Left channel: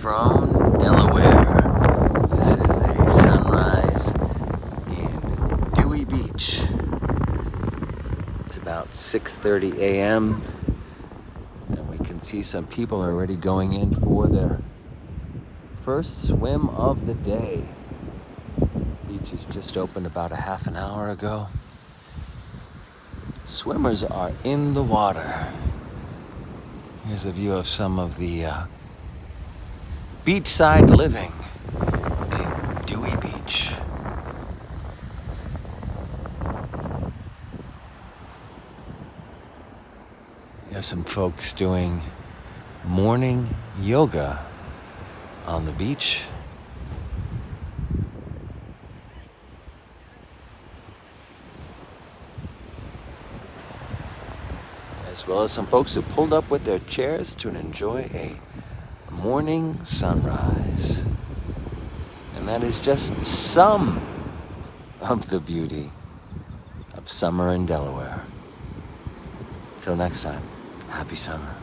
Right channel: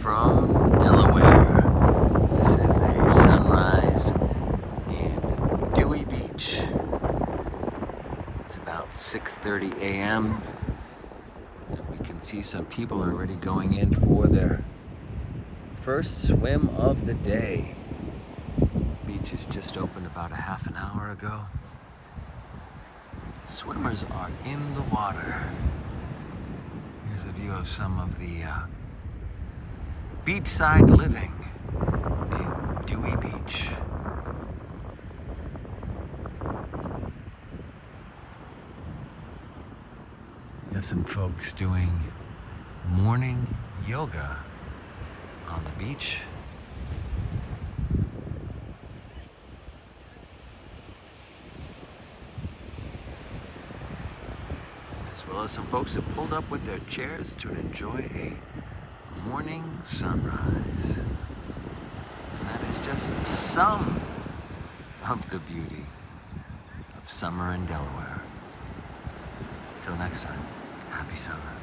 from Delaware. This is a sunrise in Dewey Beach. It's about 6:30 a.m. and we can see some people are already going in for their first swim of the day. The beach has just opened about a half an hour ago. Swimmers are in the water. Here's a view of some of the beachside living in Dewey Beach. There's some folks doing morning yoga on the beach. As well as some folks who pulled up with their chairs to enjoy a morning sunrise. And that is just some of the beauty of summer in Delaware. Till next time, happy summer.